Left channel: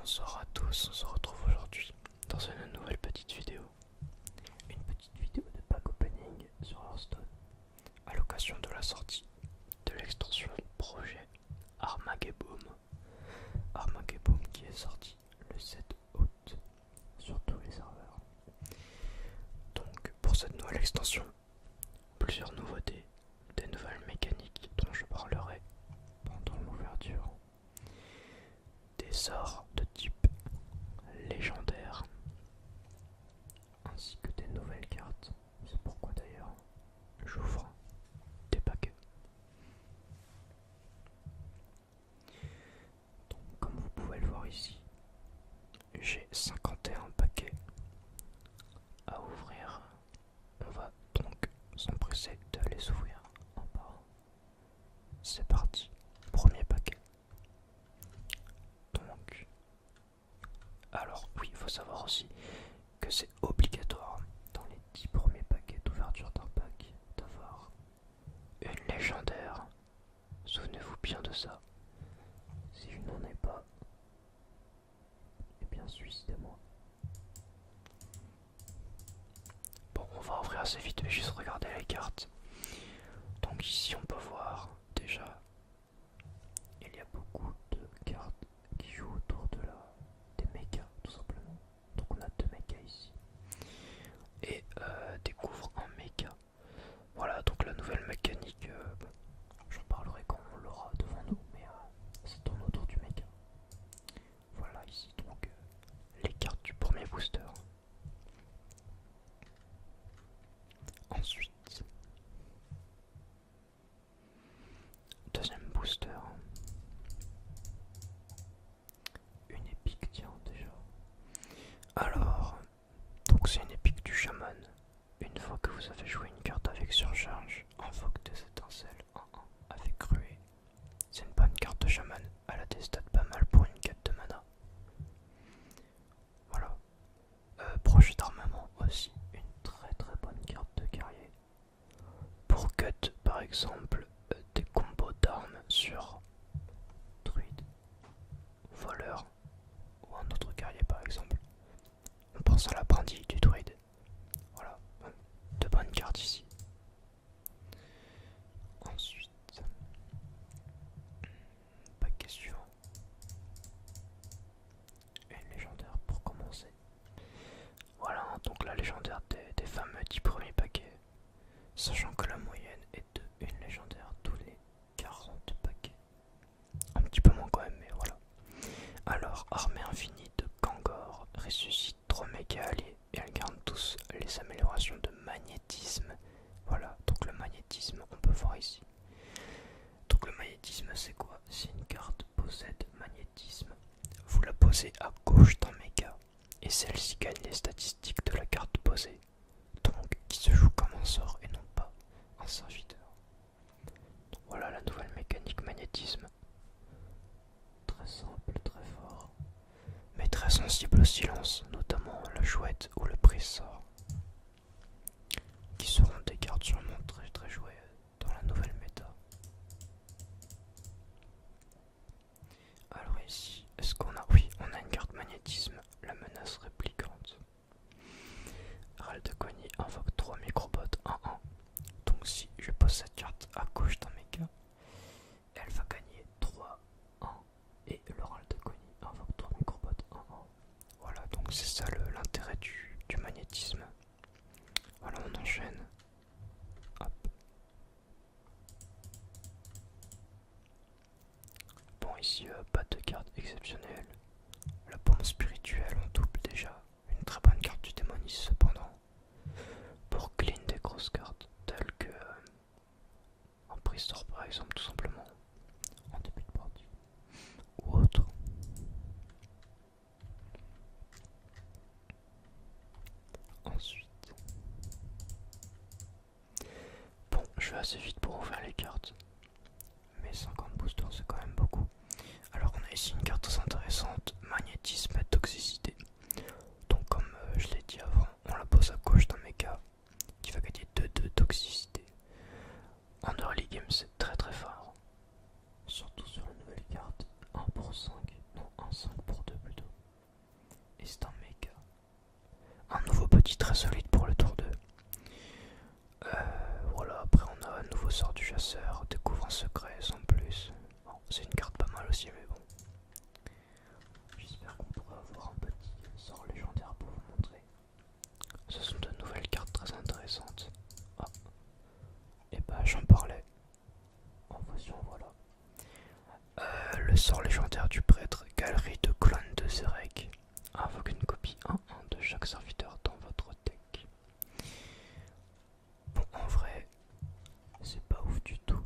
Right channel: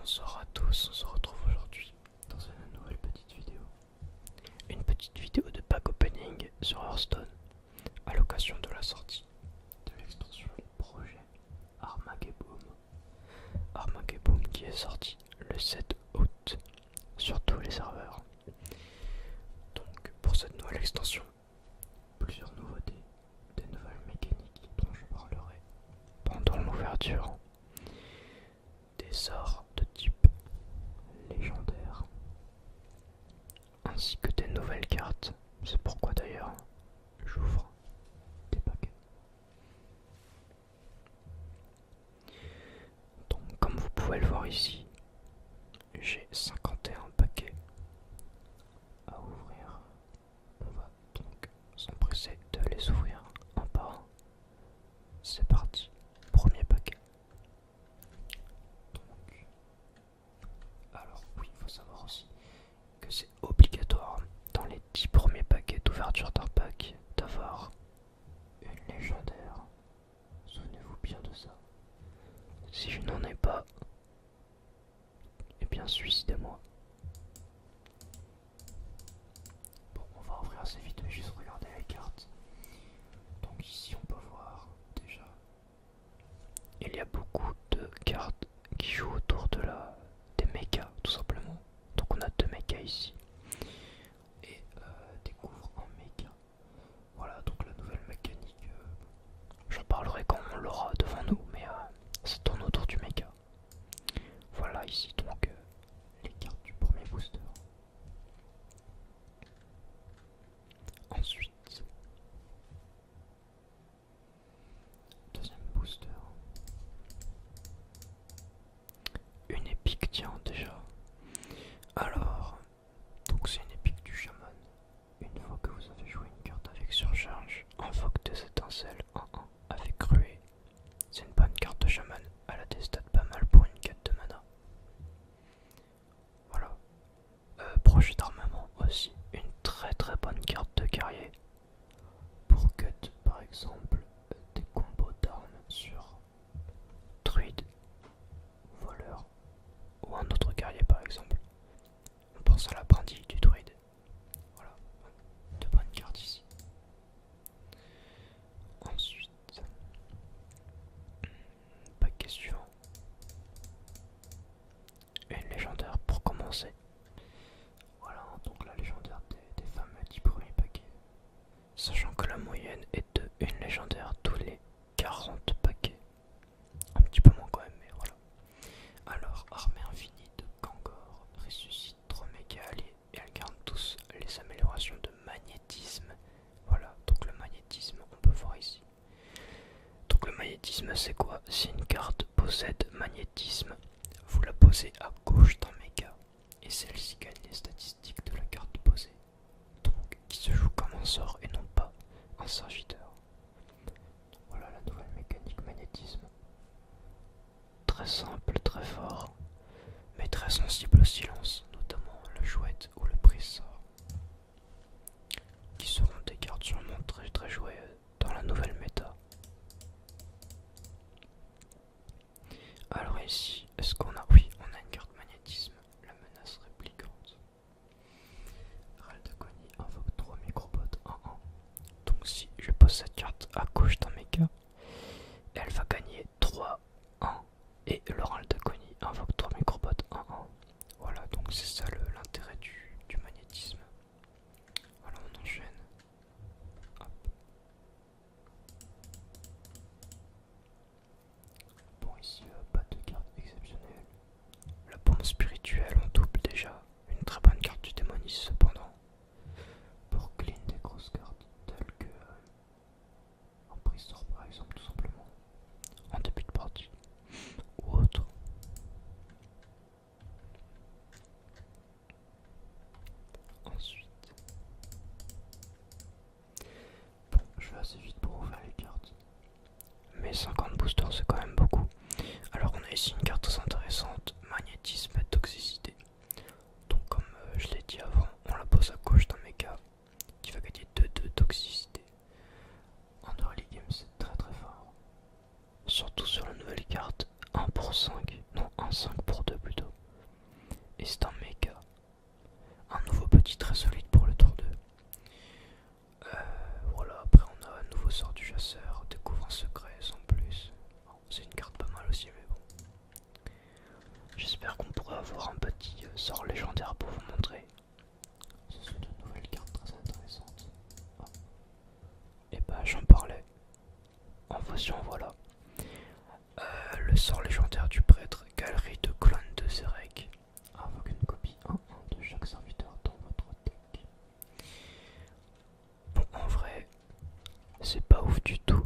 Bonsoir à tous, on se retrouve aujourd'hui dans une nouvelle petite vidéo. Une petite vidéo de pack opening sur Hearthstone à l'occasion de la sortie de l'extension projet Armageddon. Armageddon qui est sorti le 7 août sur tous les serveurs. Donc pour cette nouvelle extension, plusieurs nouveautés, des nouvelles mécaniques dont je parlerai pendant l'ouverture, des sorts de type légendaire, ainsi que des nouvelles cartes. C'est pourquoi d'ailleurs j'ouvre des paquets. Donc comme vous pouvez le voir ici, j'ai 51 paquets à ouvrir. On va donc s'empresser de les ouvrir un par un. C'est parti, premier paquet. Donc, alors oui, il faut savoir aussi que c'est obligatoire dans les 10 premiers paquets d'ouverture d'un pack d'avoir une légendaire. Souvenez-vous bien de ça. Si je n'en ai pas, eh bien suicidez-moi. Bon, on va ouvrir assez vite, mais juste regarder les cartes. Donc ici on peut voir déjà, il y a beaucoup de cartes qui jouent autour de des mechas tout simplement. Donc on a deux mechas ici et découvre un mecha. Voilà, donc la nouvelle mécanique, j'en parlerai quand on l'aura devant nous, mais ça tourne autour du mecha. Voilà ici donc les cartes du premier booster. Ensuite, deuxième booster. Une épique, tiens déjà. Alors, donc c'est une épique du chaman. Une fois que vous avez joué une carte avec surcharge, invoque des étincelles 1-1 avec ruée. C'est une bonne carte de chaman, elle a des stats pas mal pour une quête de mana. Voilà. Projet d'armement aussi, une très très bonne carte de guerrier. Pour cut par exemple des combos d'armes sur druide, voleur ou un autre guerrier par exemple. On pense à la brindille du druide. Voilà, de bonnes cartes ici. Ensuite, paquet suivant. Une légendaire pour commencer. Voilà, donc la légendaire des fameux 10 premiers paquets. Sachant que la moyenne est de une légendaire tous les 40 paquets. Un petit peu moins quand même, mais voilà. Alors, armée infinie de Kangor ressuscite 3 méga alliés et elles gardent tous les améliorations de magnétisme. Voilà, donc le magnétisme, on peut voir ici. Donc le magnétisme, c'est quoi? Si une carte possède magnétisme, vous la posez à gauche d'un méga et celle-ci gagne les statistiques de la carte posée. Donc, qui se joue comme un sort et non pas un serviteur. Donc, voilà la nouvelle mécanique magnétisme. Très simple, très fort, mais très sensible au silence, notamment la chouette ou le brise-sort, qui seront des cartes sûrement très très jouées dans la nouvelle méta. Alors ici, est-ce qu'on a... Oui, on a une carte magnétisme, la menace réplicante. Ral de Cogny invoque 3 microbots 1-1. Donc si je pose cette carte à gauche d'un méga, elle va gagner 3-1. Et le Ral de Cogny invoque 3 microbots 1-1. Voilà, donc c'est ça l'intérêt du magnétisme. Voilà, on enchaîne. Hop. Bon, ici, pas de carte exceptionnelle. La bombe spirituelle en double déjà. Une très bonne carte du démonis cependant. Pour clean des grosses cartes telles que un brise-sort par exemple, tout simplement. En début de partie. Ou autre. Ensuite. Bon, je vais assez vite pour ouvrir les cartes. Mais 50 boosters c'est quand même beaucoup. Alors on a ici une carte très intéressante, magnétisme et toxicité. Donc comme je l'ai dit avant, on la pose à gauche d'un méga qui va gagner 2-2 toxicité. En early game c'est très très fort. Surtout sur la nouvelle carte 1 pour 5, non 1 5 pour 2 plutôt. et c'est un méga. Un nouveau petit très solide pour le tour 2. Voilà, après on a un nouveau sort du chasseur, découvre un secret sans plus. Bon, c'est une carte pas mal aussi, mais bon. J'espère qu'on pourra avoir un petit sort légendaire pour vous montrer. Ce sont de nouvelles cartes très intéressantes. Ah. Et bah j'en parlais. En voici en voilà. Le sort légendaire du prêtre, galerie de clones de Zerek. Invoque une copie 1-1 de chaque serviteur dans votre deck. Bon, en vrai, c'est pas ouf du tout.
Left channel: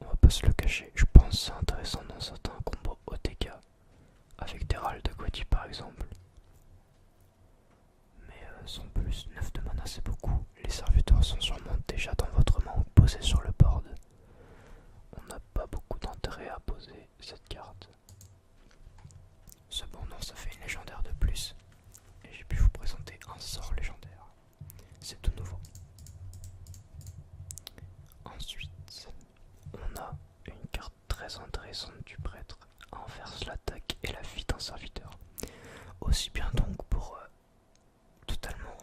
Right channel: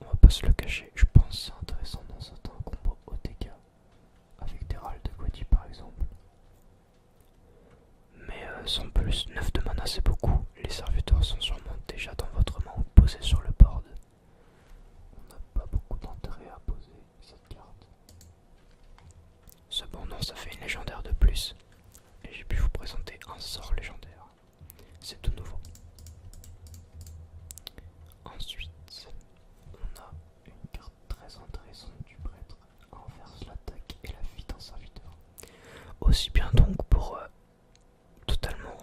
On va pas se le cacher. Je pense que c'est intéressant dans certains combos OTK. Avec des râles de Quati par exemple. Mais sans plus, 9 de mana c'est beaucoup. Les serviteurs sont sûrement déjà dans votre main ou posés sur le board. On n'a pas beaucoup d'intérêt à poser cette carte. Cependant, ça fait une légendaire de plus. Et j'ai pu vous présenter un sort légendaire. C'est tout nouveau. Ensuite, on a une carte très intéressante du prêtre. Inverse l'attaque et la vie d'un serviteur. Aussi bien donc pour totalement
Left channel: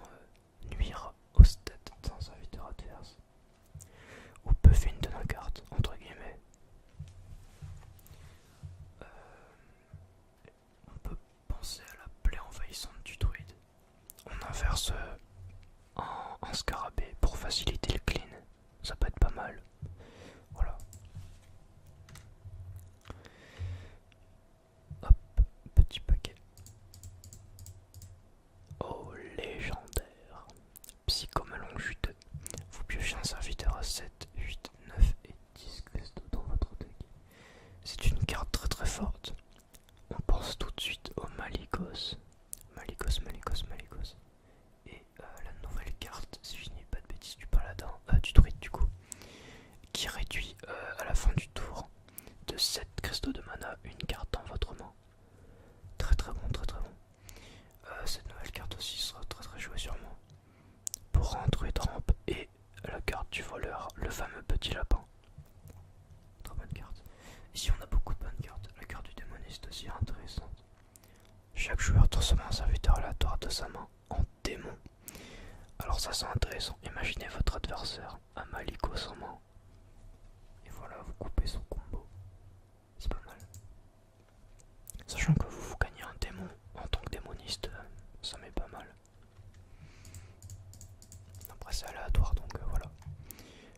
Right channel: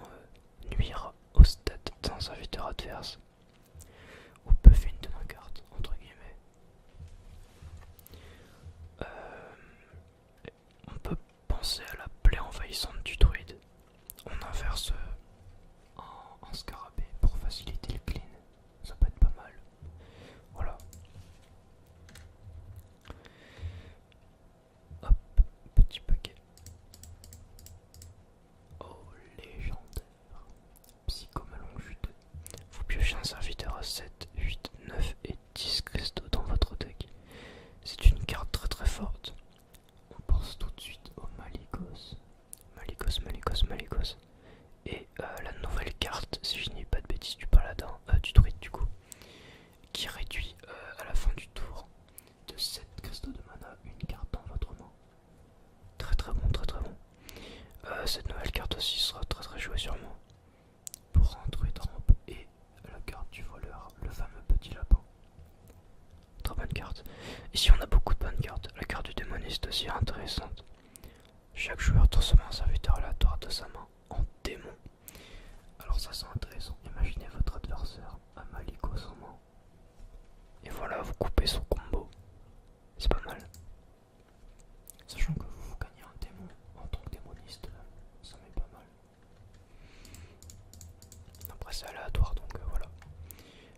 nuire au stat d'un serviteur adverse. Ou buffer une de nos cartes, entre guillemets. On peut penser à la plaie envahissante du druide. On inverse un scarabée pour faciliter le clean. Ça peut être pas mal. Voilà. Hop, petit paquet. Oh, légendaire. Psychomelon juteux. Vous piochez un serviteur à 7, 8, 9 et 10 cristaux dans votre deck. C'est une carte très très forte. On pense tout de suite au Malicos. Malicos. Et la nouvelle carte, si je n'ai pas de bêtises, du paladin, du druide du coup, qui réduit à la fin du tour de 7 cristaux de mana une carte dans votre main. Très très bon, très très bon. Cette nouvelle carte aussi sera très très jouée sur moi. Pour un druide rampe et la carte du voleur, le fameux petit lapin. Très bonne carte. Ici on a beaucoup de bonnes cartes. La carte du démoniste aussi est intéressante. Chaque joueur transforme un serviteur aléatoire de sa main en démon. Alors ça c'est intéressant. Imaginez votre adversaire à Malicos en main. Et voilà, vous coupez son combo. C'est pas mal. Sachant que vous gagnez un démon en tant que démoniste, ça m'est pas mal. Après c'est aléatoire donc voilà.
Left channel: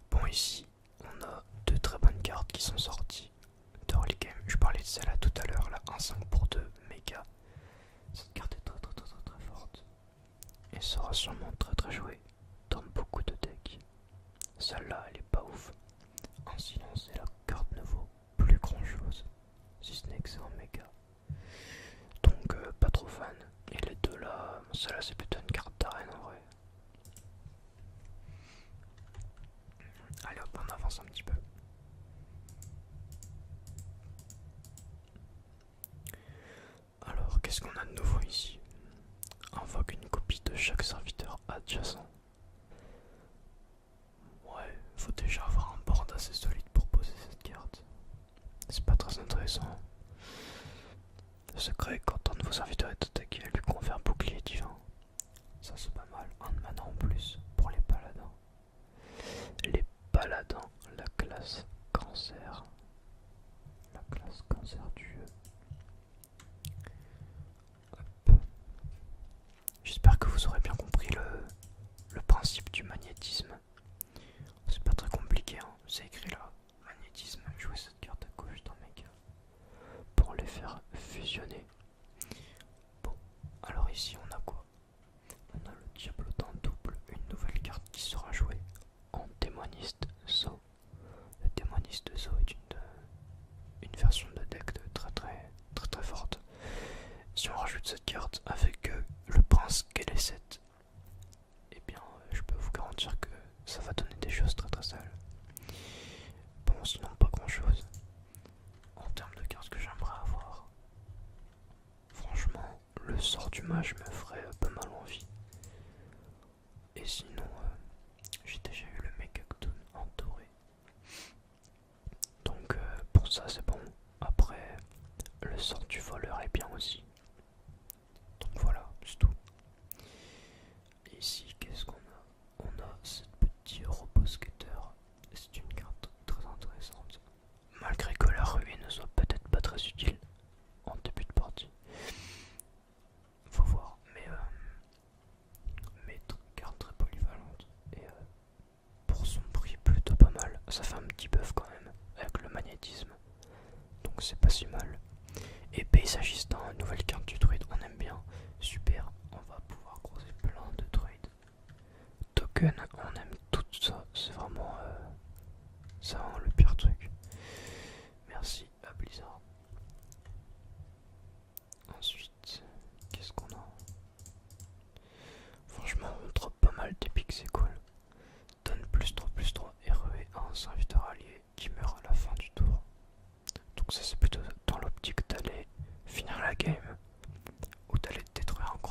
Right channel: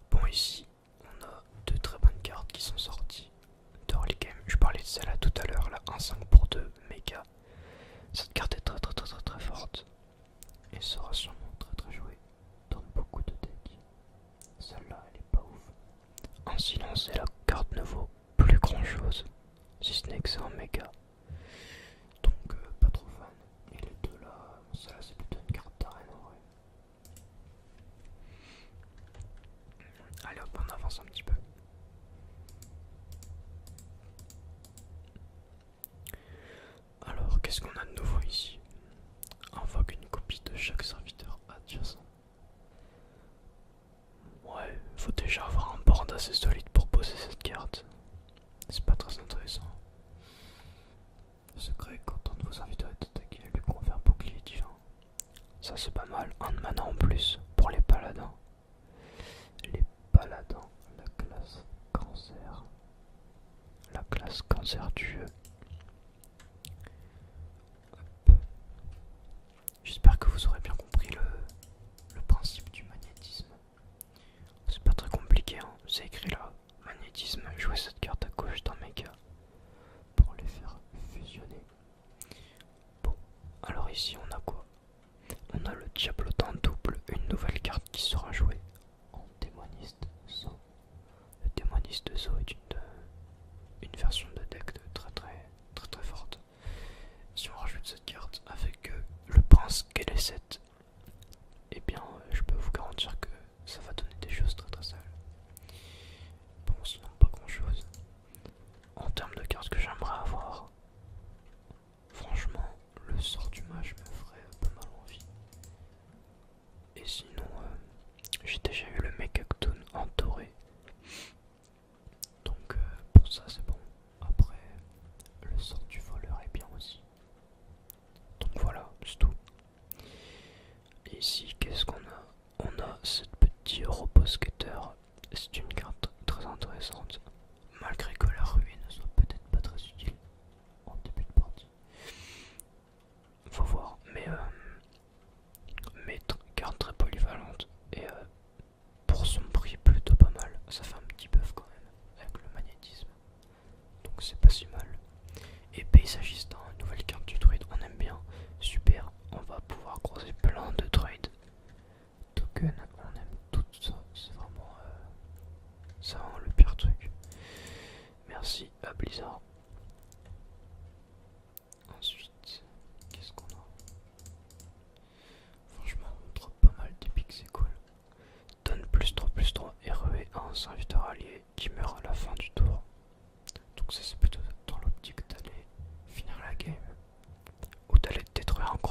Bon ici on a deux très bonnes cartes qui sont sorties de early game. Je parlais de celle-là tout à l'heure, la 1-5 pour 2 méga. Cette carte est très forte. Et sera sûrement très très jouée dans beaucoup de decks. Celle-là elle est pas ouf. En silence et la carte ne vaut plus grand chose. Si ce n'est que c'est un méga. Donc pas trop fan. Et les deux là, celle-là c'est plutôt une carte d'arène en vrai. Allez hop, on avance un petit peu. Alors qu'est-ce qu'on a de nouveau ici? Invoque une copie de chaque serviteur adjacent. Ouais, faut déjà avoir un board assez solide pour poser cette carte. C'est pas très intéressant. Le secret, quand un nouveau serviteur est attaqué, elle lui confère bouclier divin. Ça c'est pas mal, un de mana en plus pour les paladins. Les paladins, la classe cancer. La classe cancer du jeu. Hop. J'espère que vous aurez bien compris le principe du magnétisme. C'est pas très compliqué, hein. C'est écrit là. Magnétisme, jouer cette carte à gauche d'un méga pour les faire fusionner. Bon, alors ici on a quoi? On a le diablotin double, une nouvelle carte qui sera jouée en démoniste Zo. Le démoniste Zo est une version de deck de très forte. Si on rajoute cette carte avec le prince Kéléset, eh bien je peux vous garantir que ça va donner des choses très sales. Bon, sinon pas grand chose. En termes de cartes que j'aimerais avoir, franchement, le sort du mage me ferait pas mal envie. Et sinon, j'ai déjà eu le Mekaktoon en doré. Donc pour ça c'est bon. Après, le sort du voleur est bien aussi.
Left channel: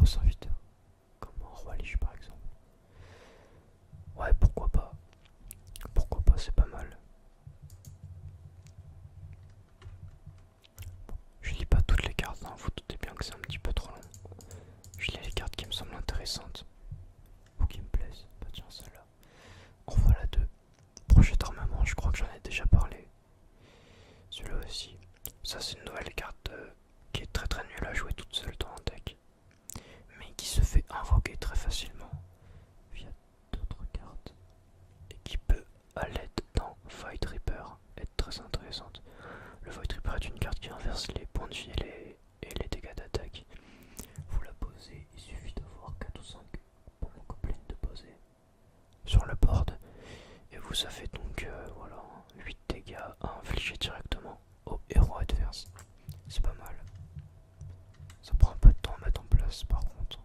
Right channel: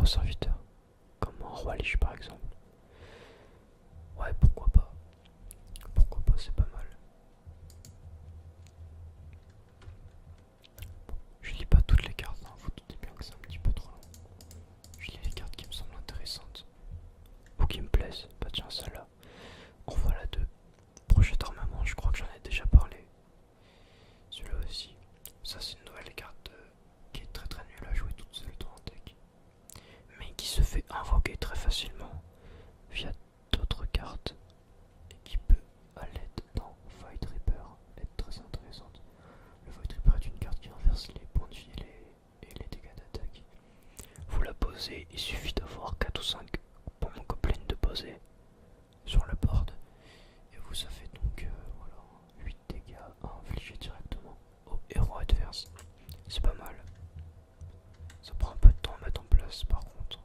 nouveaux serviteurs, comme un roi Lich par exemple. Ouais, pourquoi pas. Pourquoi pas, c'est pas mal. Je lis pas toutes les cartes, hein, vous doutez bien que c'est un petit peu trop long. Je lis les cartes qui me semblent intéressantes ou qui me plaisent. Bah tiens, celle-là. En voilà deux. Projet d'armement, je crois que j'en ai déjà parlé. Celui-là aussi. Ça, c'est une nouvelle carte qui est très nulle à jouer toute seule dans un deck, mais qui se fait invoquer très facilement via d'autres cartes et qui peut, à l'aide d'un Void Reaper, être très intéressante. Le Void Reaper est une carte qui inverse les points de vie et les dégâts d'attaque. Vous la posez, il suffit d'avoir 4 ou 5 bombes gobelins de poser sur le board et vous avez donc voilà, 8 dégâts à infliger directement au héros adverse. C'est pas mal. Ça prend un peu de temps à mettre en place par contre.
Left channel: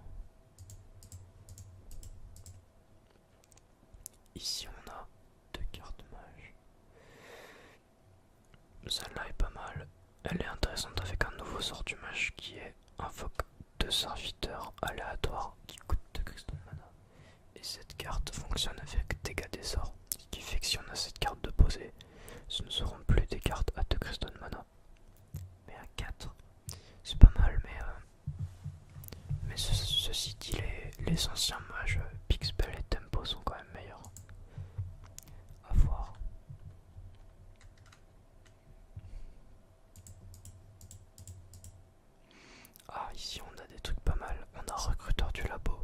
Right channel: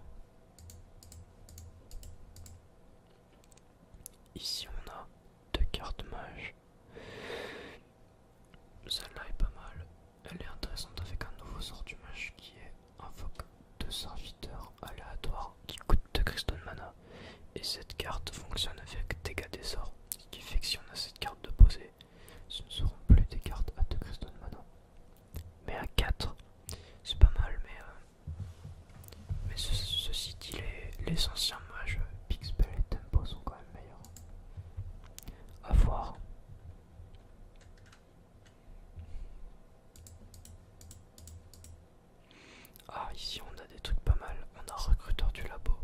Ici on a deux cartes mages. Celle-là est pas mal. Elle est intéressante avec un nouveau sort du mage qui est invoque de serviteurs aléatoires qui coûtent 2 cristaux de mana. Et cette carte fonctionne avec dégâts des sorts. Ce qui fait que si on a cette carte de posée, ce ne seront plus des cartes à 2 cristaux de mana. Mais à 4, c'est pas mal, mais ceci dit, les anciens mages Pixpel et Tempo sont quand même meilleurs. À voir. Ah, ici on a des trucs pas mal. On a Recruteur du Labo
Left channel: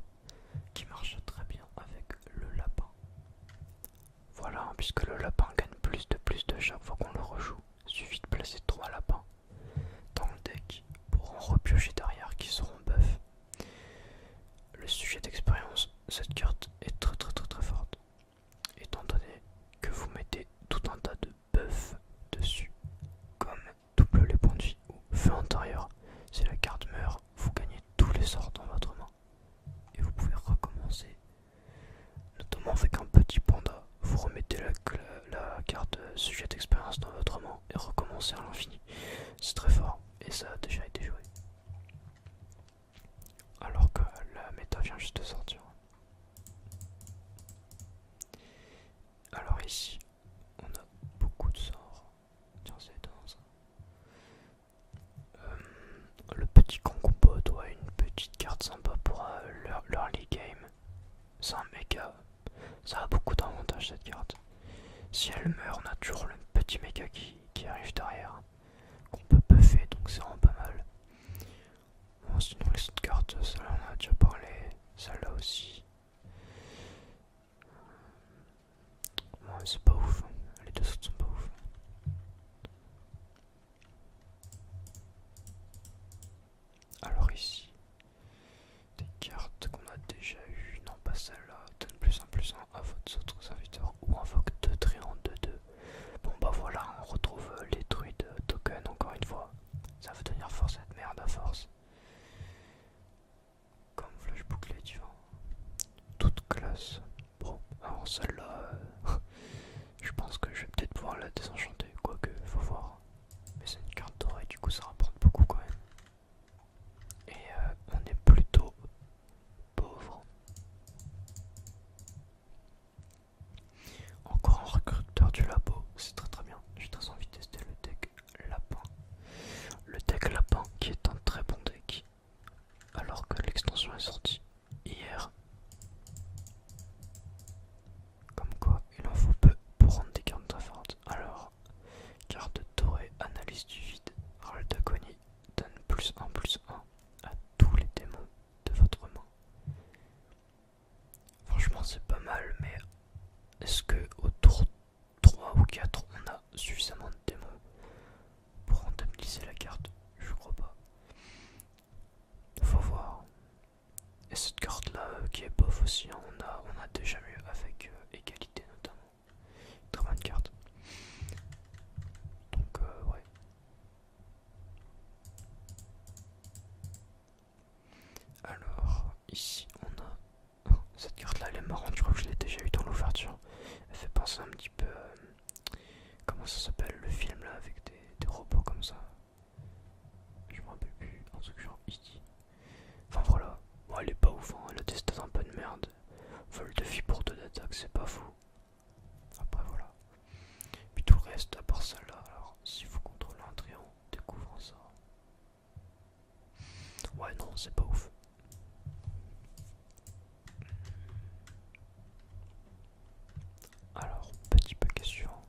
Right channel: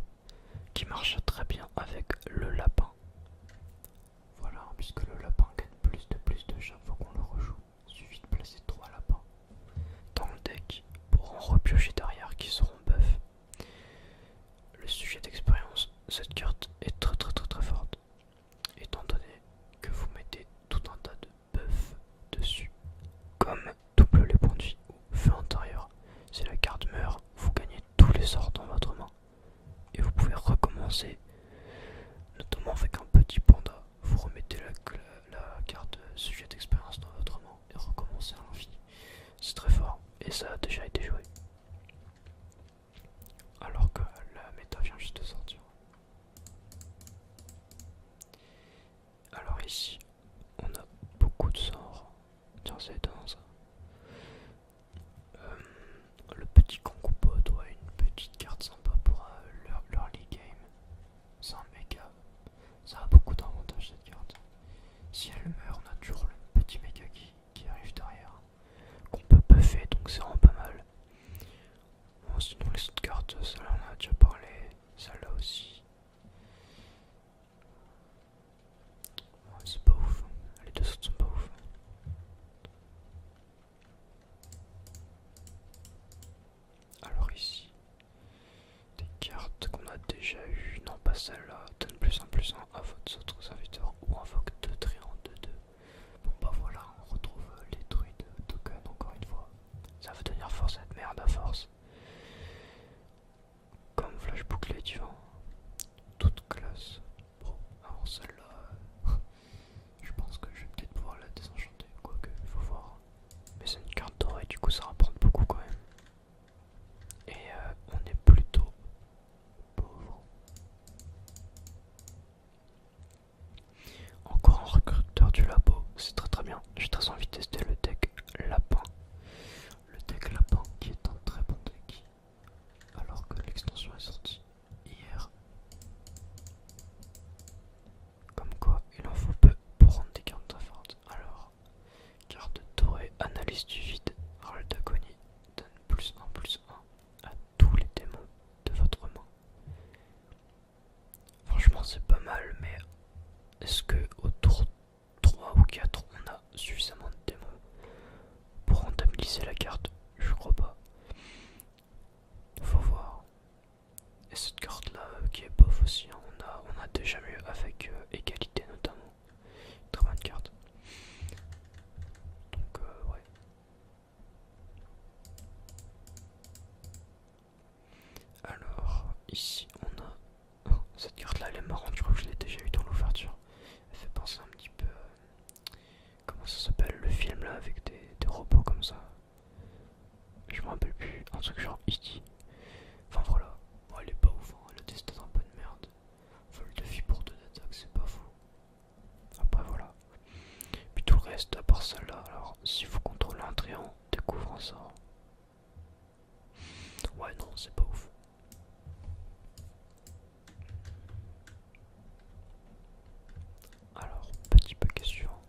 qui marche très bien avec le lapin. Voilà, puisque le lapin gagne plus de chaque fois qu'on le rejoue. Il suffit de placer 3 lapins dans le deck pour en repiocher derrière qui seront buff. Le sujet d'expérience, cette carte est très forte, étant donné que vous mettez tout un tas de buffs dessus, comme double les points de vie ou feu intérieur. Si la carte meurt, vous gagnez tous les sorts dans votre main et vous pouvez recommencer, notamment avec un petit panda. Vous remettez la carte sujet d'expérience dans votre main et recommencez à l'infini. C'est très fort et ça a déjà été joué, alors que la méta vient juste de sortir. Alors ici, on a beaucoup de sorts. Tiens, c'est étonnant ça. Le petit concompo doit une petite carte sympa pour l'early game. C'est un méga. Ça a beaucoup d'avantages cette carte. Si elle meurt, on a toujours le petit méga qui arrive derrière, qu'on peut buffer, donc c'est vraiment pas mal. Bon, sinon les autres cartes, celle-là on en a déjà parlé, celle-là aussi. Bon, c'est pas ouf, les deux autres sont pas ouf. Alors ici, des cartes qu'on a déjà eues, non pas celle-là, donne +1/+1 à votre autre serviteur ou invoque 2 tréants de 2. Bon bah voilà, on retrouve les druides token encore une fois. Ça va devenir force cette merde à force. Comme flash bouclé divin. Toute classe. Bon, alors celle-là, je pense que je vais peut-être pouvoir la désenchanter, quoique, faut voir. Mais c'est une carte dorée, du coup ça rapporte beaucoup quand même. Et on est plutôt pauvre. Encore un recruteur du labo, c'est très bien. J'ai très envie de tester le deck lapin. Le deck lapin qui est un très bon deck. Alors que l'extension est sortie hier. Comme quoi, il en faut peu pour rendre des cartes très fortes. Alors, carte dorée, analyse du vide, râle d'agonie, donne +1/+1 à tous les démons de votre main. Franchement, c'est pas mal, mais est-ce que au tour 3 ou 4, on a suffisamment de démons pour rentabiliser la carte? Je crois pas. Faut voir. Et cette carte là qui est bof aussi, hein, on a déjà mieux avec égalité notamment. Très bonne carte. Donc ouais. Alors ici on a cette carte là, elle est marrante, je crois que je l'ai déjà eu dans l'ouverture. Elle fait penser un petit peu comment ça s'appelle le film là avec des robots comme ça. Je me rappelle plus, un truc genre E.T. Enfin voilà, bon, moins ça. Ouais, non, c'est pas ouf. Alors, petit paquet suivant.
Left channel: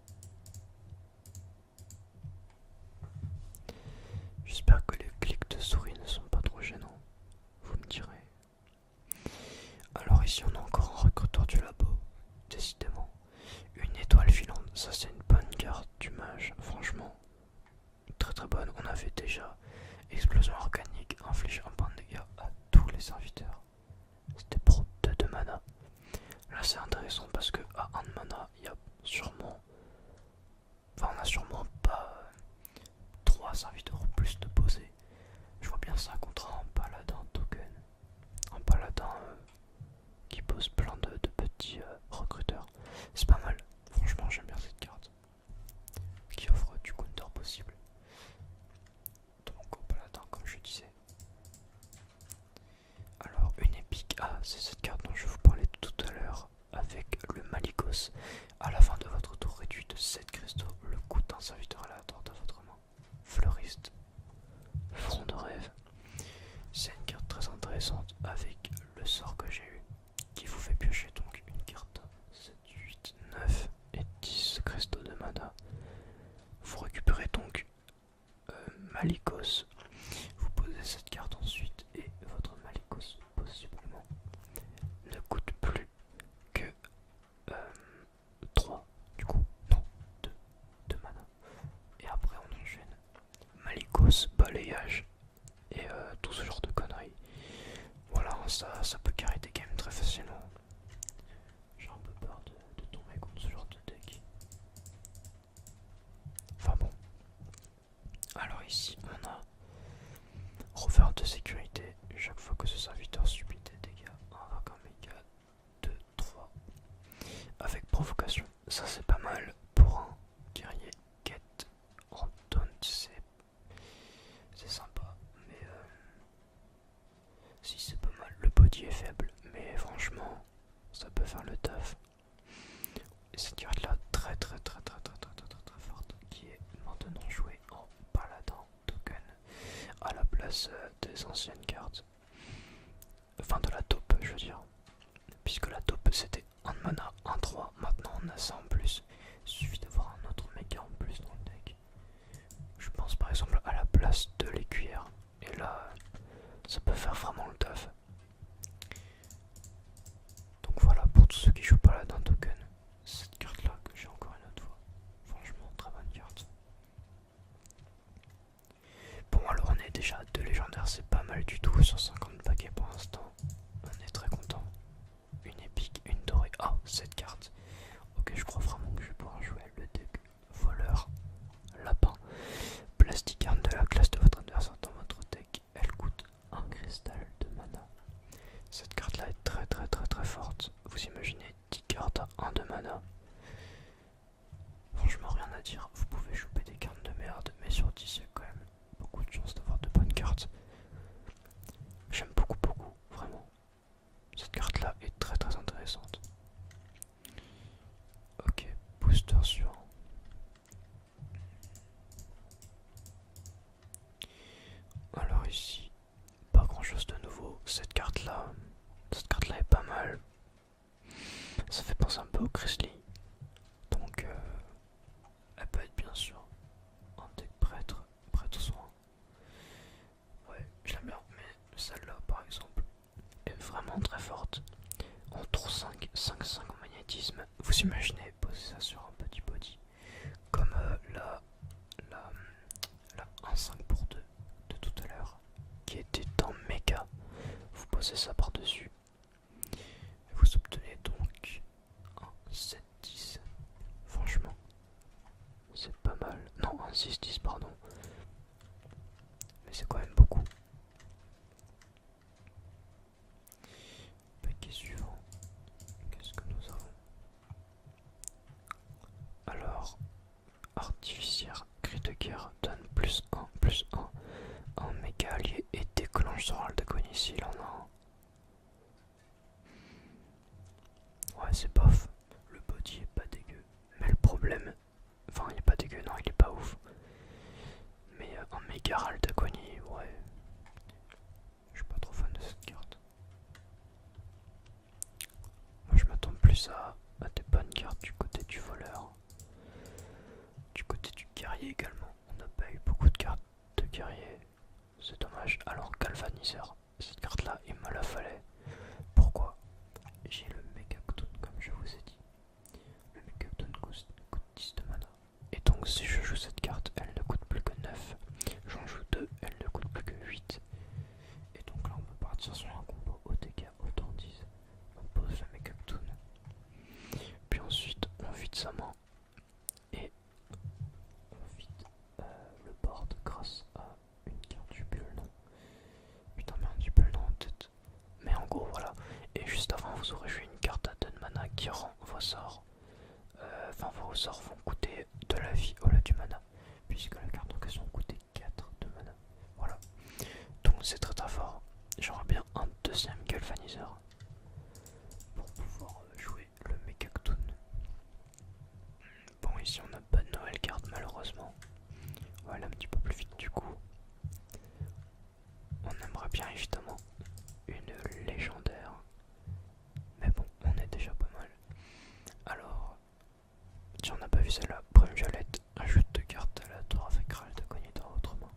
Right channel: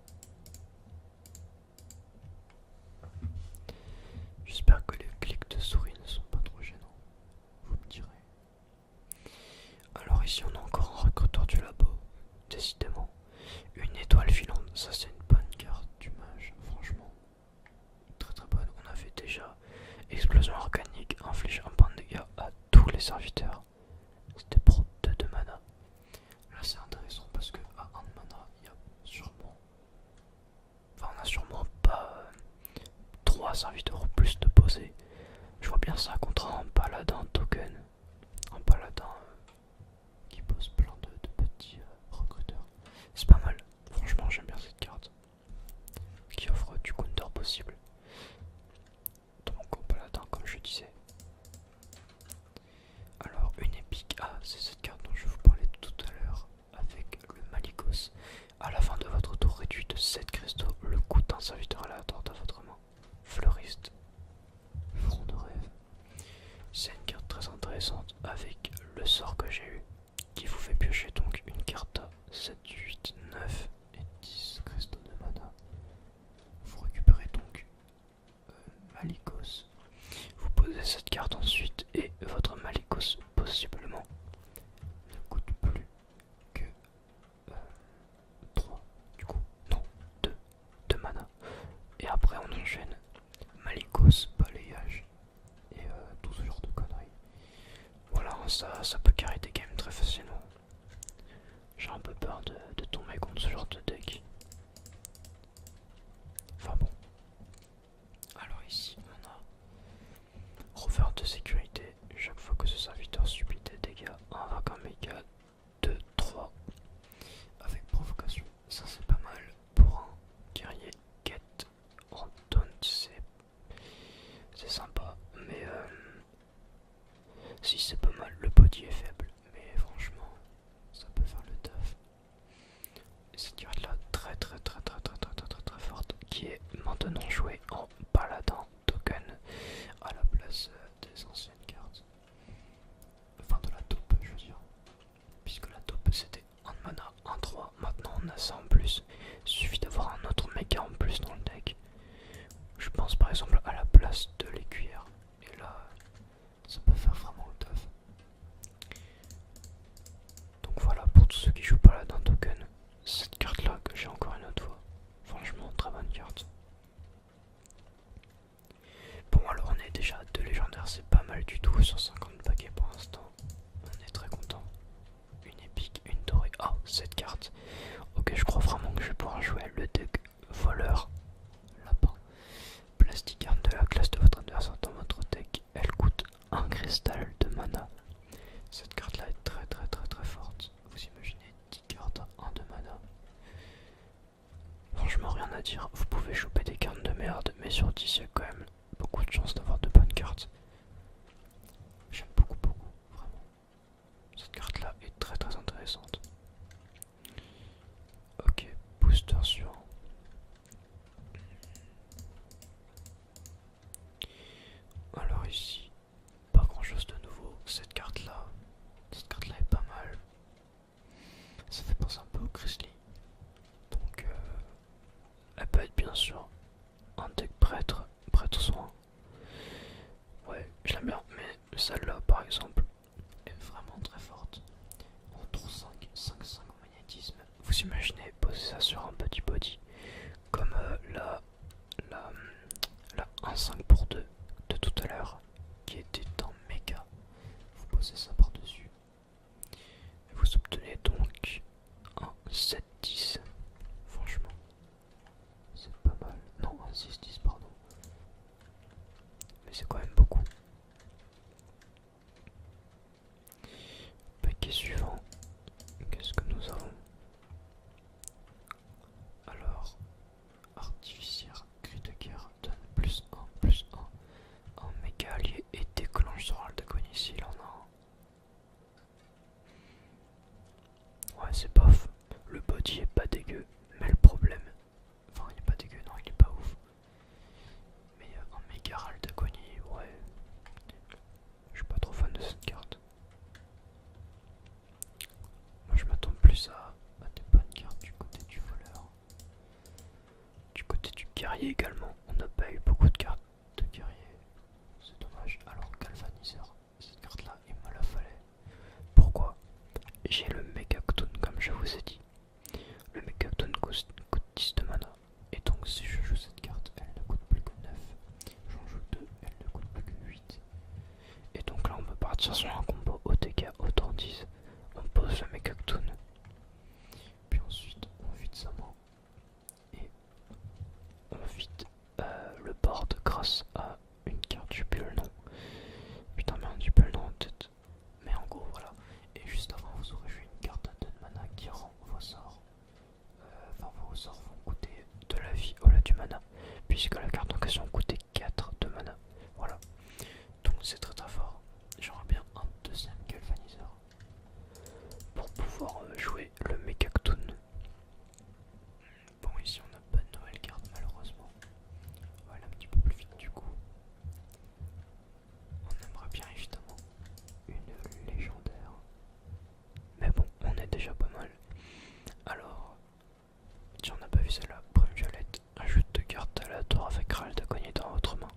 J'espère que les clics de souris ne sont pas trop gênants. Vous me direz. Alors ici on a encore un recruteur du labo. Décidément. Une étoile filante, ça c'est une bonne carte du mage, franchement. Très très bonne. On avait déjà explosion organique, inflige un point de dégâts à tous les serviteurs. C'était pour 2 de mana. Là c'est intéressant parce que à 1 de mana, il y a sûrement... Enfin on a sûrement pas 3 serviteurs ou plus de poser. Je vois bien ça contre un paladin token. Un paladin qui pose plein de petits recruteurs. C'est pas mal. Franchement j'aime bien cette carte. Qui offre du counter possible. Donc au paladin comme je disais. Alors une épique, ah c'est cette carte dont je vous parlais tout à l'heure avec le Malicos. À la fin de votre tour réduit de 7 cristaux le coût d'un serviteur aléatoire de votre main. Fleuriste, front de rêve. C'est une carte très intéressante avec le sort que j'ai eu qui vous fait piocher donc une carte à 7, 8, 9 et 10 cristaux de mana. Vous récupérez donc Malicos. Vous posez cette carte ensuite et votre Malicos possiblement ne coûte plus que 3 du coup, non, 2 mana. Et après on enchaîne Malicos, balayage et tout ce genre de conneries. Voilà, ça peut carrer des games très facilement. J'ai un peu peur de tomber contre ce genre de deck. Enfin bon. Alors ici on a rover de sécurité. Chaque fois que ce serviteur subit des dégâts, invoque un méga 2, 3 avec provocation. Ça c'est pas mal pour un guerrier quête en taunt, c'est sympa. Mais si c'est pas mal, le body est faible. Mais franchement, ça peut faire le taf. Et cette carte là très forte qui est maintenant jouée en paladin token à la place des anciennes cartes. Enfin de la taupe je veux dire. Puisque la taupe c'était 1 mana, 1-3, maintenant on a ça en plus. Il suffit d'avoir un autre méga en plus dans le deck. Je pense par exemple à la place de l'écuyère. Et là, ça peut faire vraiment le taf. Donc voilà, pour tous ceux qui jouent paladin token, cette carte là que j'ai encore une autre fois. Franchement, très bonne carte. Bon alors on est déjà à 2 légendaires, c'est pas mal du tout sur 50 paquets pour l'instant. On est très content. Une épique, une dorée. Ah, cette carte. Ok, je crois vraiment que je vais pouvoir jouer le deck voleur lapin. Plastic arme de la classe de votre adversaire dans votre deck. Elle coûte 1 cristal de mana. Cette carte là est très forte. Vous imaginez 10 cartes à 1 de mana. Franchement rien à dire. Vous pouvez choper des cartes de merde, mais sur 10 il y a quand même beaucoup de chances d'avoir de bonnes cartes. J'aime beaucoup, vraiment. Cette carte là est très intéressante. Ok, booster suivant. Alors ici, pas grand chose de nouveau. Cette carte là est pas mal. Ça fait penser un peu au Grizzly. Donc elle peut être bien sûr un deck prêtre soin. Ouais, je l'aime bien, mais celle-là par exemple est vraiment très forte. En tour 5, 5-5 en magnétisme. Vous imaginez poser ça sur un petit body comme la 1-5 pour 2 de tout à l'heure qui était en méga. Vous posez ça par dessus et vous obtenez donc un 7-10. Franchement, c'est pas mal. Non, un 6-10 pardon. Mais c'est quand même beaucoup. Paquet suivant. Qu'est-ce que nous avons? Alors, artificière, cri de guerre donne +1/+1. Un méga allié et déclenche son rôle d'agonie s'il en a un. Ouais, c'est bof. Le body est pas dégueu. Mais le problème. Enfin, il est pas dégueu, non, il est pas ouf. Mais un méga guerrier également. On n'a pas eu beaucoup de cartes de guerrier. C'est dommage. Alors galvaniseur, cette carte là il me la fallait. Pourquoi? J'ai le Megactoon comme je vous ai dit. Le Megactoon coûte 10 de mana. Et donc si je joue cette carte, elle ne coûte plus que 9. J'en joue 2, elle ne coûte plus que 8. Et donc là on peut partir sur un combo OTK autant 10. On pose le Megactoon. Puis ensuite on vide sa main. Et on vide le board grâce à une carte, j'ai plus le nom. Putain merde, j'ai plus le nom en tête. Mais en gros voilà. Et juste avant vous aurez joué une carte à 2 de mana qui rend vos sorts. Enfin vos sorts vont coûter de la vie au lieu du mana. Puisque la carte en question coûtait 4 de mana. Voilà. Donc c'est très très fort. J'aurais bien un deuxième galvaniseur. Pour pouvoir jouer le Megactoon. Bon ici on n'a pas de nouvelle carte malheureusement. On va aller un petit peu plus vite du coup. On aimerait bien évidemment une légendaire. Mais bon, on est déjà pas mal. Alors, si on n'a pas vu celle-là, Brume Violette, ajoute 2 cartes aléatoires avec Ral d'Agonie dans votre main.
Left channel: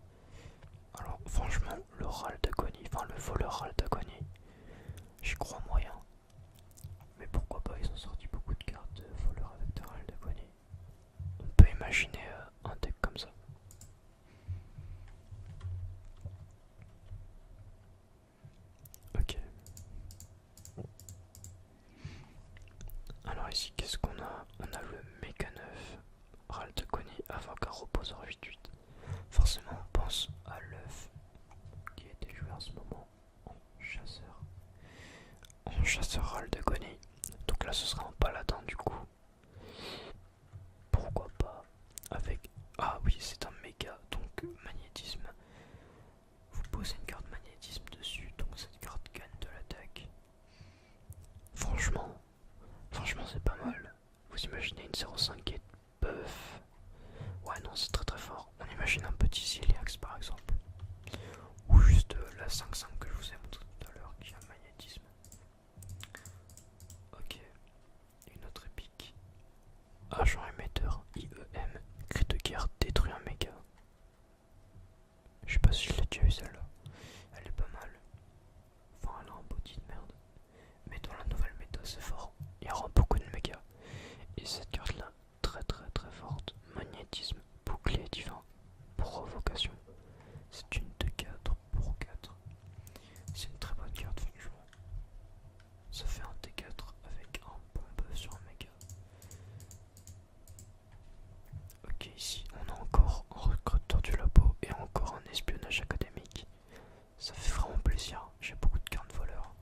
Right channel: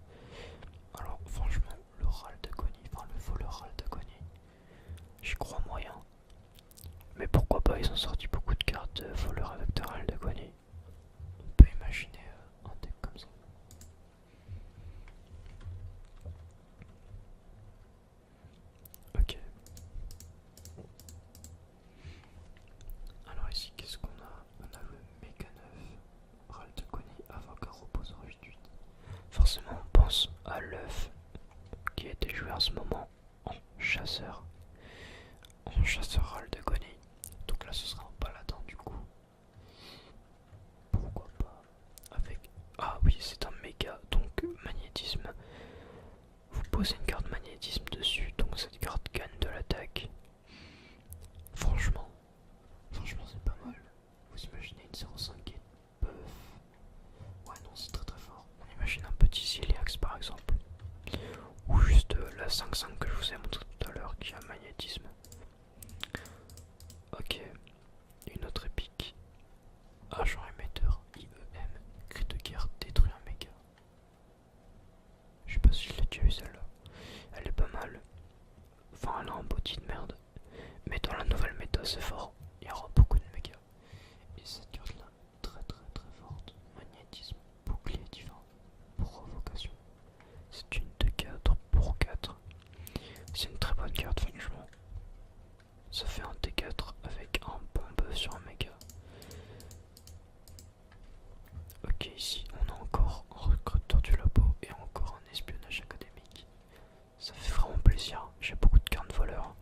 Alors franchement, le Ral d'Agonie, enfin le voleur Ral d'Agonie, j'y crois moyen. Mais pourquoi pas, ils ont sorti beaucoup de cartes voleurs avec de Ral d'Agonie. On peut imaginer un deck comme ça. Ok. Alors ici, qu'est-ce qu'on a? On a le Méga 9, Ral d'Agonie, Avocat, Reposeur 8-8. Forcément, on pense à l'œuf qui a été joué en ce moment en chasseur. En chasseur Ral d'Agonie. Donc là, ce sera un paladin du coup. Pourquoi pas avec... Ah oui, c'est un méga, donc magnétisme. Vous posez une carte magnétisme dessus, donc cette carte gagne de l'attaque. Franchement, c'est pas mal. Vous imaginez une 0,5 qui est buff. Ouais non, c'est très très fort. On imagine un petit Ziliax par exemple. Ou juste la 5-5 que je vous ai montré tout à l'heure qui a magnétisme. Ok, une autre épique. Agent émetteur, IEM, cri de guerre, détruit un méga. Je sais pas si je l'ai déjà eu celle-là. Elle est pas mal. Enfin, elle a un body de merde. Mais dans la nouvelle méta, c'est fort. Il y aura beaucoup de méga. Et cette carte-là, très très très forte. Magnétisme, bouclier divin, provocation. C'est une de 4 pour 4. C'est une très bonne carte, franchement. Ça fait un T4 avec un bon buff sur un méga. Ok, ici on a encore un recruteur du labo et encore un espionnage académique. Ça fait vraiment plaisir, j'ai beaucoup de cartes voleurs.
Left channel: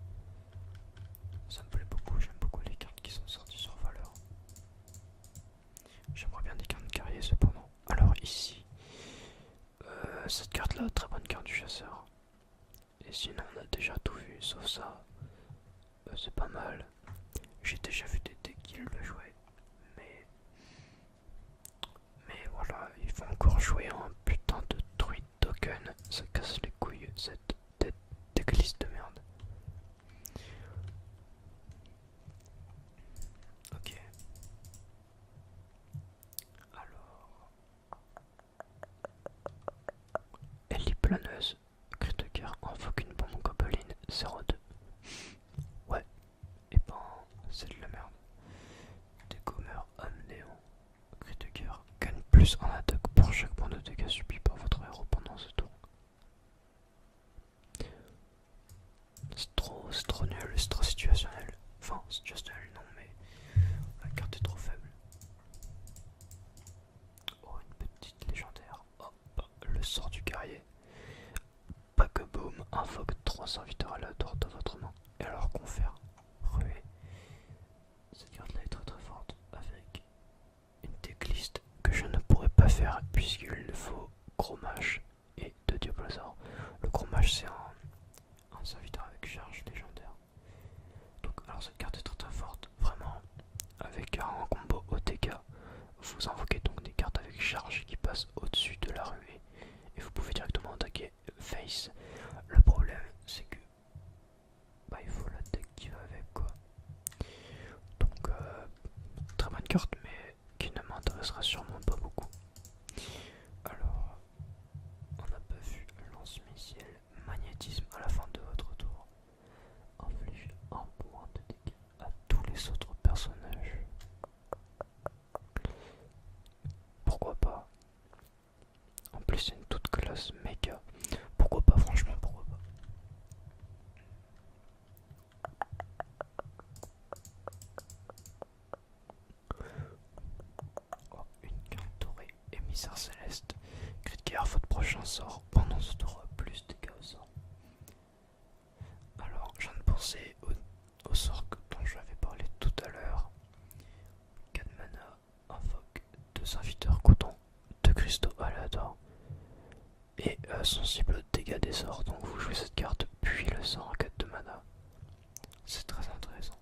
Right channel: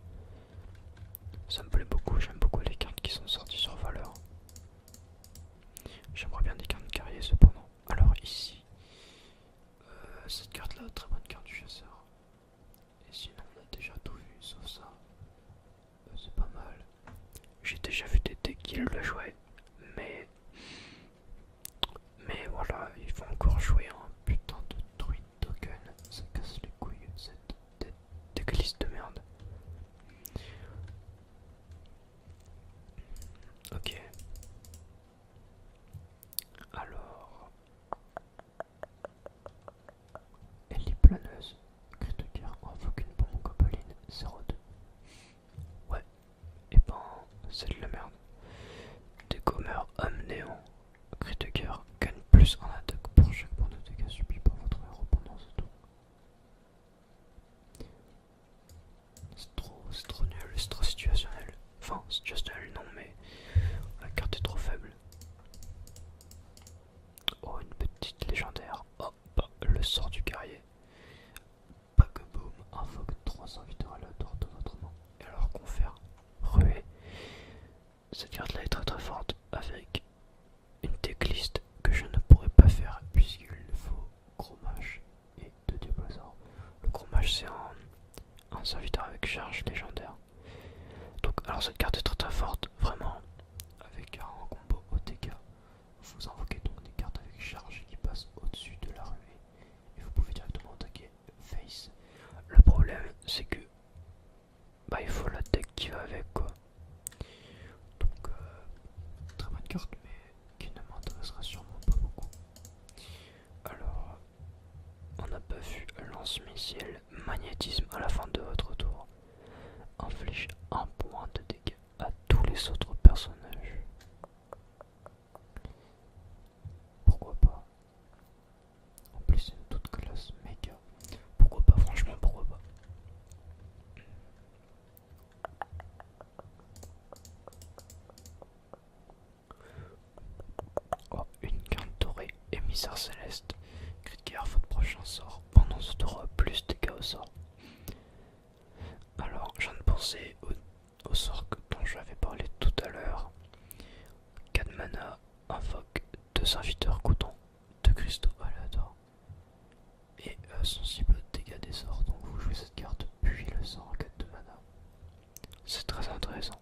Ça me plaît beaucoup, j'aime beaucoup les cartes qui sont sorties sur valeur. J'aimerais bien des cartes guerriers cependant. Alors ici, cette carte là, très bonne carte du chasseur. Et sinon on a déjà tout vu, sauf ça. C'est pas mal. J'ai déjà vu des decks qui le jouaient. Mais voilà, il faut encore jouer un putain de druide token. Ça casse les couilles, cette decklist de merde. Ok. Alors... Ellie planeuse. Cri de guerre, invoque une bombe gobeline 02. Ouais. Et ben, c'est de la merde. Décommeur homme néant. Cri de guerre, gagne plus en attaque pour chaque point de dégâts subi par votre héros pendant ce tour. C'est trop nul, c'est trop situationnel. Enfin, situationnel non, mais la carte est trop faible. Oh, une petite légendaire. Oh, bah, le sort du guerrier. Pack boom, invoque 3 serviteurs aléatoires de votre main. Et alors qu'on fait ruée. Cette carte là est très très forte avec une decklist que je ne pourrais pas faire puisqu'il faut gros mage et 2 diablosaures. Le gros mage c'est un serviteur avec charge légendaire. Donc alors cette carte est très très forte, vraiment, avec un combo OTK. Vous invoquez donc des cartes avec charge qui passent au-dessus de la ruée et vous pouvez directement attaquer face. Le problème c'est que bah, il faut la deck qui va avec quoi. Donc très bonne carte mais qui ne m'intéressera sûrement pas beaucoup. magnétisme à la fin de votre tour. Inflige un point de dégâts à tous les autres personnages. Pourquoi pas? En plus c'est une toute classe méga. Pourquoi pas, franchement, pourquoi pas? Oh, une carte dorée, émissaire céleste. Cri de guerre, votre prochain sort. Pendant ce tour, plus de dégâts au sort. Alors, je viens de penser au sort dont j'avais parlé tout à l'heure. 4 mana, invoque 2 serviteurs coton, 2 cristaux aléatoires et sensible aux dégâts des sorts. Donc vous jouez cette carte puis le sort en 4 de mana. C'est très intéressant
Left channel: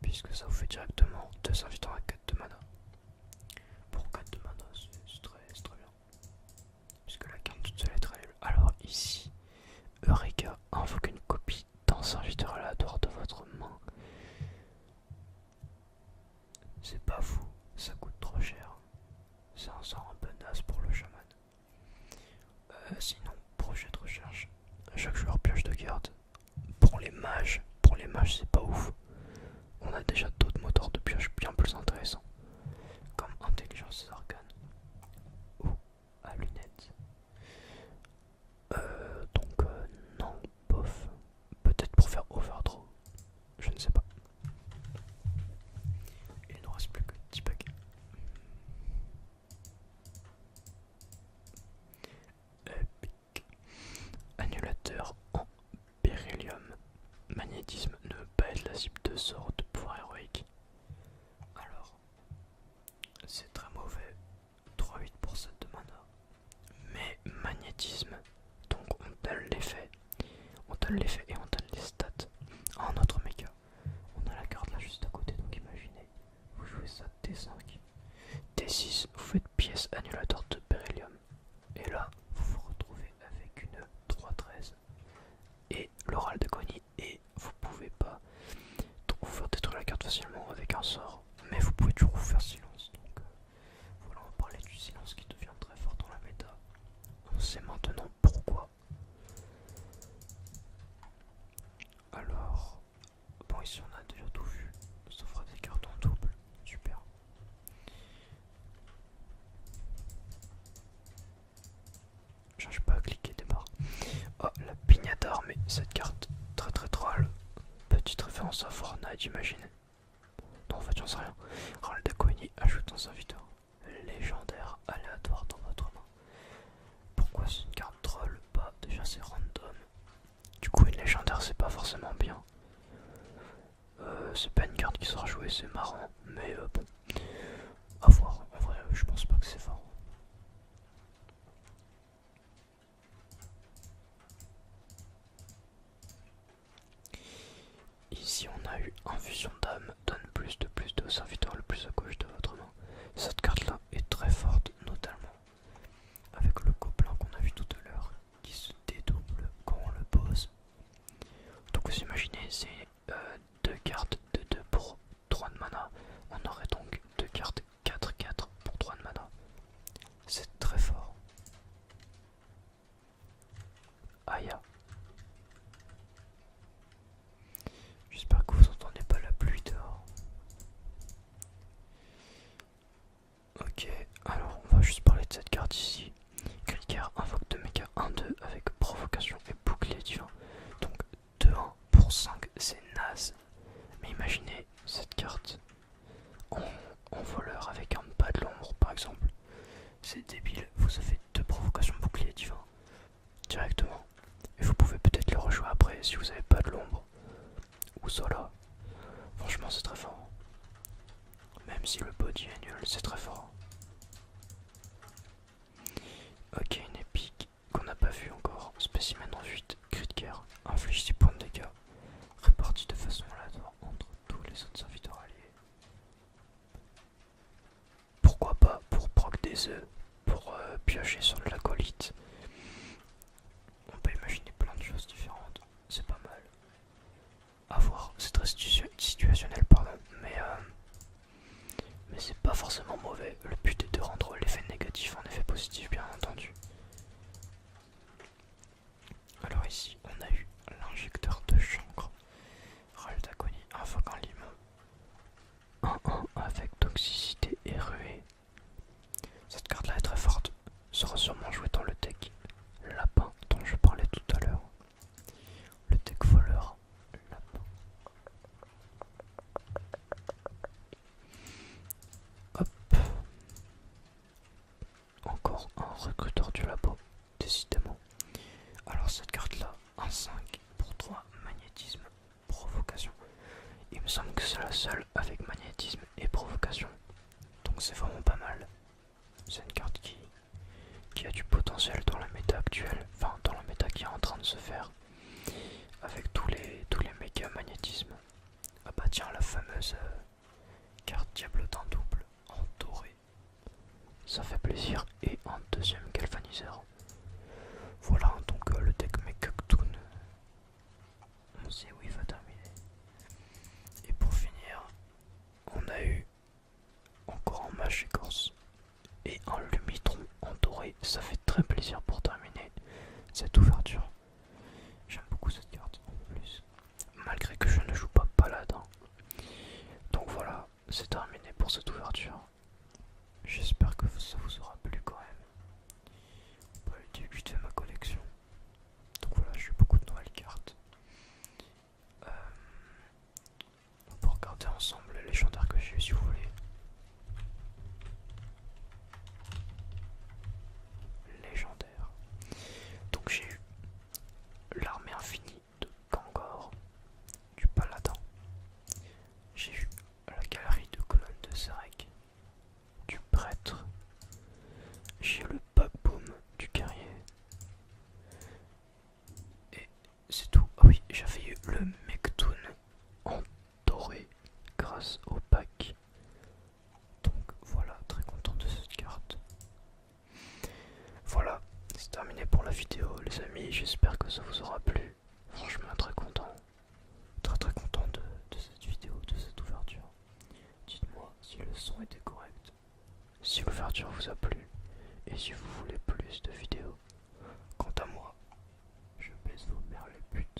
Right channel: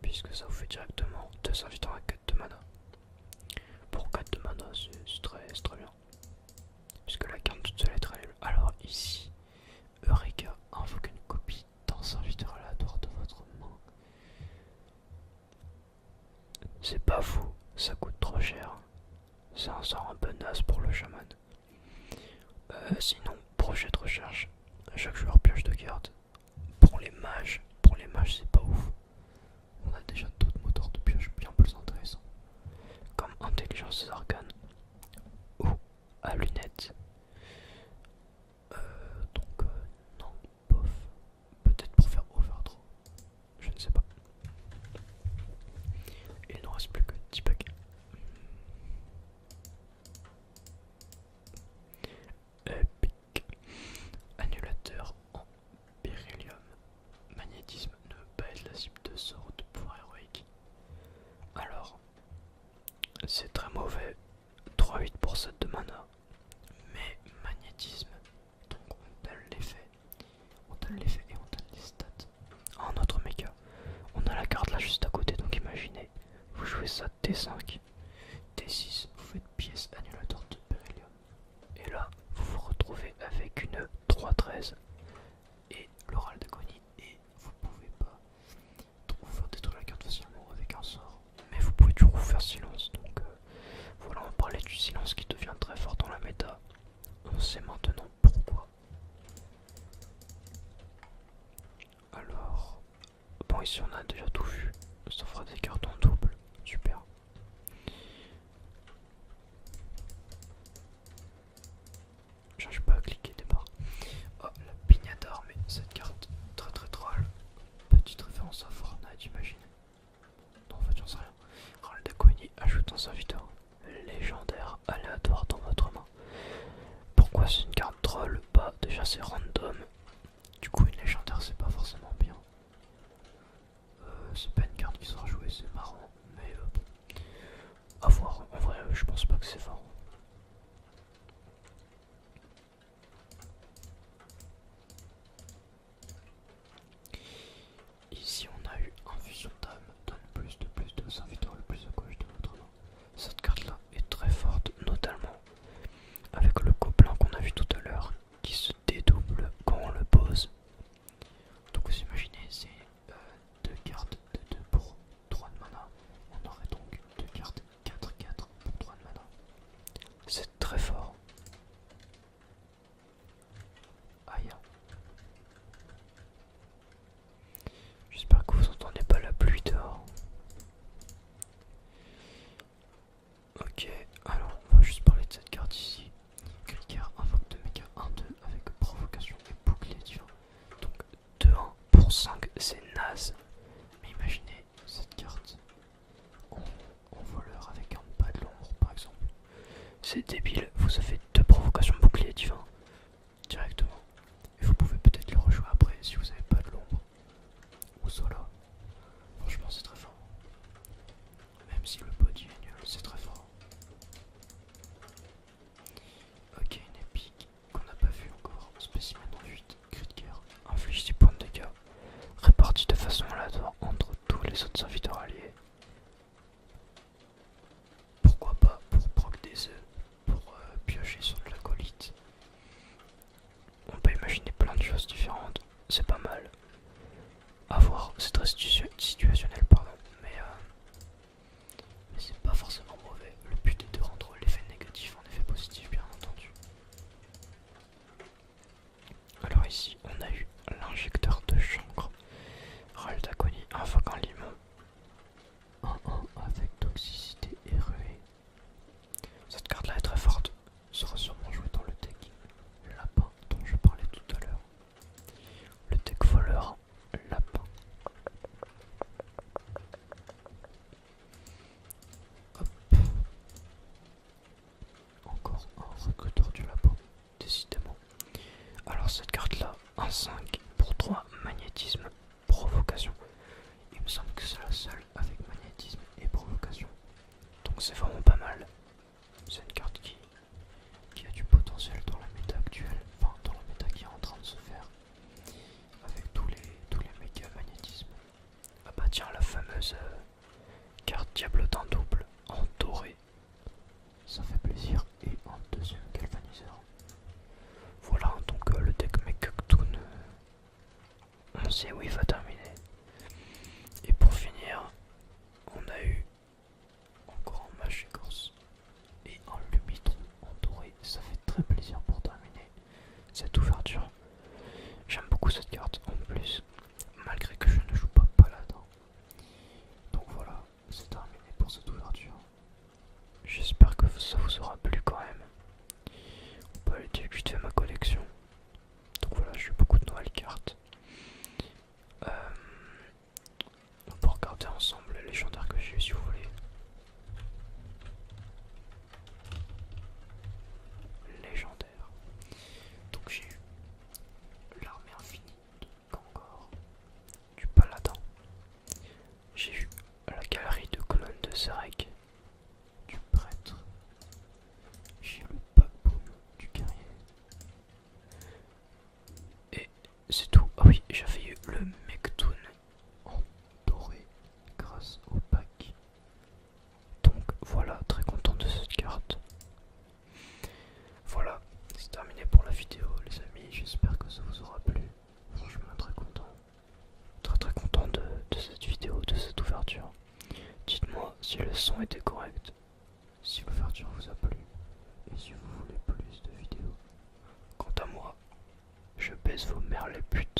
puisque ça vous fait directement 2 serviteurs à 4 de mana. Pour 4 de mana, c'est très bien. Puisque la carte toute seule est très nulle. Alors ici, Eureka invoque une copie d'un serviteur aléatoire de votre main. C'est pas fou, ça coûte trop cher. C'est un sort un peu naze pour le chaman. Sinon, projet de recherche. Chaque joueur pioche 2 cartes. Pour les mages c'est pas ouf. On a déjà d'autres moteurs de pioche bien plus intéressants. Comme intelligence des arcanes ou à lunettes. Non, bof. Peut-être pour faire overdraw. Je ne sais pas. Il ne reste plus que 10 paquets. Epic. Annulateur en beryllium. Magnétisme ne veut pas être la cible de sort de pouvoir héroïque. Alors, c'est très mauvais. 3-8 pour 7 de mana. Mais magnétisme, donc on donne l'effet. On donne l'effet et on donne les stats. À un autre méca. On a la carte là juste à côté, donc imaginez. Vous jouez ça T5. T6, vous faites pièce annulateur de beryllium. Et là, vous vous retrouvez avec une 3-13 et l'oral d'agonie. Et vous pouvez pas vous faire détruire la carte facilement avec un sort. Mais vous pouvez toujours vous faire silence. Donc voilà, on parlait du silence qui devient très fort dans la méta. On sait maintenant pourquoi. Alors, bon, ici on a déjà tout vu. Ça fera des cartes en double. Super. J'arrive pas à cliquer des barres. Oh, la pignata armée. Cette carte très troll. Petite référence à Fortnite, j'imagine. Non, en fait, j'en sais rien. Ral d'Aquani ajoute un serviteur légendaire aléatoire dans votre main. Pourquoi c'est une carte troll? Bah, déjà c'est random. Du coup, une légendaire, c'est pas forcément bien. C'est pas une carte qui sera jouée, c'est marrant. Mais bon, à voir. En vrai, je pense pas que c'est fort. Ici, on a eu infusion d'âme, donne plus de serviteurs le plus à gauche de votre main. Cette carte-là est très forte, notamment avec le gobelin qu'on a vu tout à l'heure, qui se dédouble quand on le pose. Donc vous imaginez, c'est 2 cartes de 2 pour 3 de mana. On aurait donc 2 cartes 4-4 pour 3 de mana. C'est très fort. Aïe. J'espère que vous entendez pas la pluie dehors. Ok, alors on va juste parler de cette carte ici. Krieger invoque de méca 1-2 avec provocation et bouclier divin. Donc 2-1 pour 5, c'est naze. Mais imaginez cette carte en voleur avec un pas de l'ombre par exemple. C'est débile, vous avez 2 provocations bouclier divin directement. Et vous pouvez peut-être le rejouer après si vous avez pas de l'ombre. Ou Zola. Franchement c'est très fort. Même si le body est nul, c'est très fort. Ok, une épique qu'on n'a pas vu encore. Spécimen en 8, cri de guerre. Inflige 6 points de dégâts. Répartis de façon aléatoire entre tous les autres serviteurs alliés. Pourquoi pas pour proc des œufs, pour piocher sur de l'acolyte. On peut imaginer plein de choses différentes. C'est pas mal. À voir, c'est très situationnel, pardon. Mais c'est pas forcément mauvais. Le but est de rendre l'effet négatif en effet positif, bien entendu. Alors ici, injecteur de chancre. Râle d'agonie, invoque un limon. 1-1 avec toxicité et ruée. Cette carte là est très forte, sera sûrement jouée dans le deck lapin dont je parlais tout à l'heure. Le deck voleur lapin. Hop. Encore un recruteur du labo, décidément. Alors cette carte là, un 5 pour 3 magnétisme, provocation. Il me semble que c'est la seule avec magnétisme et provocation. Donc c'est vraiment pas mal. C'est une carte qui a du potentiel dans la méta actuelle, enfin dans la méta qui est en train de se faire, avec tous les méga magnétismes. Ah bah tiens, la fameuse carte Diablotin double en doré, ça fait plaisir, et un deuxième galvaniseur. Voilà, donc le deck Mekuktoon, on sait où il va terminer. Et pour finir, on a eu encore un mage écorce et un Lumitron en doré. Ça fait très plaisir pour terminer cette ouverture. J'aime beaucoup cette carte en plus, malgré que je ne joue pas paladin. Donc voilà, c'est terminé pour cette ouverture. J'espère que ça vous aura plu quand même. On peut aller dire vite fait ma collection. Donc voilà, j'ai eu beaucoup de nouvelles cartes. On peut regarder ensemble les légendaires que j'ai eu si vous voulez. Légendaire. Donc j'ai eu l'armée infinie de Kangor, du paladin. J'ai eu la galerie de colonnes de Zarek, du prêtre. J'ai eu le Paboum du guerrier. Et c'est tout. Ah oui, j'avais eu le Mektoon en doré grâce au pack. Donc voilà, très content de cette carte. Voilà, c'est terminé pour la vidéo les amis, j'espère que ça vous aura plu. Franchement très content. Très content de cette vidéo, de cette ouverture. Dites-moi si le son était correct, si l'ouverture vous a plu, et si vous voulez plus de vidéos. Quant à moi, je baisse vos mères les putes.